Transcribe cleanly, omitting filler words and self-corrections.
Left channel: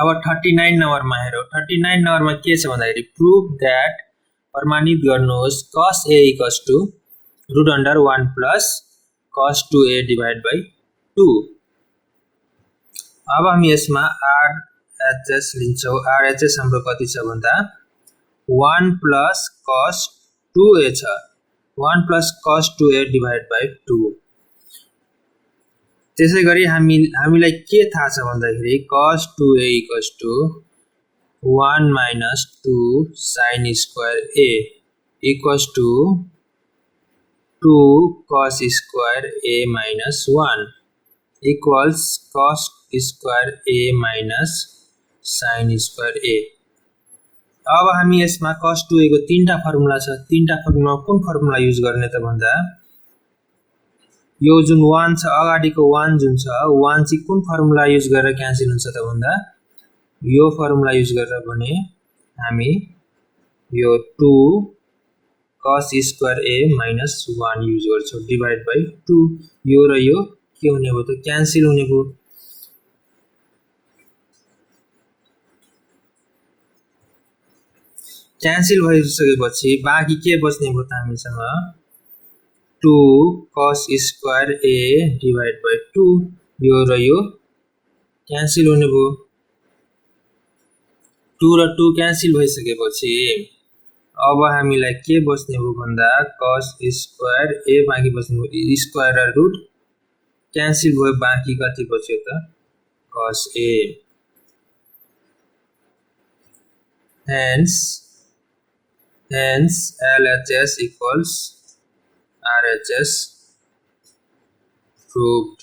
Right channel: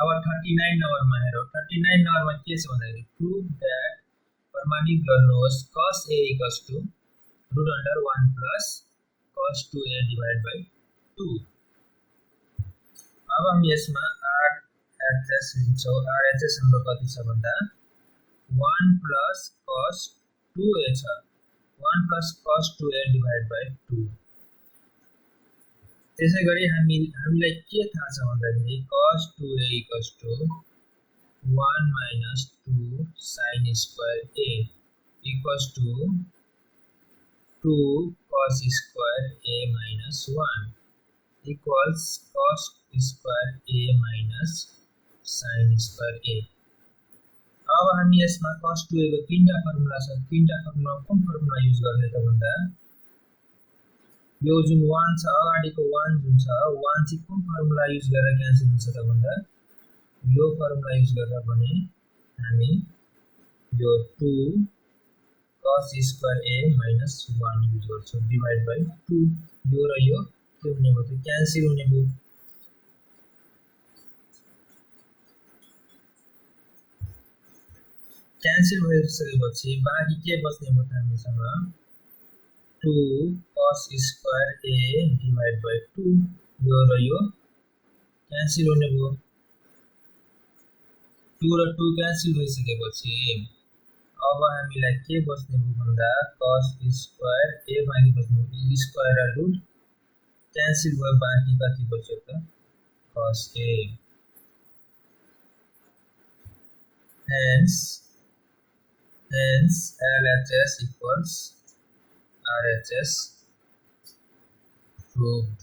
अब 39 नम्बरमा हेरौँ 39 नम्बरमा के छ भन्दाखेरि प्रुभ दैट प्रमाणित गर्नुहोस् cos A equals to root under 1 plus cos 2A divided by 2। अब हामी यसमा RHS लिन्छौँ। RHS हाम्रो कति छ भन्दा 1 plus cos 2A छ। 1 plus cos 2A divided by 2। त्यसैगरी हामीलाई के थाहा छ भन्दाखेरि cos 2A equals to 1 minus 2 sin square A equals to 2 cos square A minus 1 equals cos square A minus sin square A। अब हामी यसमा cos 2A को तीनटा फर्मुला छ। तीनटा फर्मुला कुन फर्मुला युज गर्ने त भन्दा यो जुन 1 छ अगाडिको 1 जुन छ 1 चाहिँ कुन फर्मुला युज गरेर क्यान्सल हुन्छ त भन्दा यो फर्मुला युज गरेर भने हामी यो 2 cos square A minus 1 use गर्छौं डिवाइड बाइ 2। यो र यो के हुने भयो त क्यान्सल हुने भयो। क्यान्सल भइसकेपछि बाँकी के बच्ने भयो त हामीसँग 2 cos square A divided by 2। यो र यो क्यान्सल हुने भयो। 2 र 2 क्यान्सल भइसकेपछि अब हामीलाई के बच्ने भयो भन्दा cos square A बाँकी बच्ने भयो। स्क्वायर र रुट क्यान्सल भयो। बाँकी कति बच्यो त cos A। hence LHS equals RHS proved।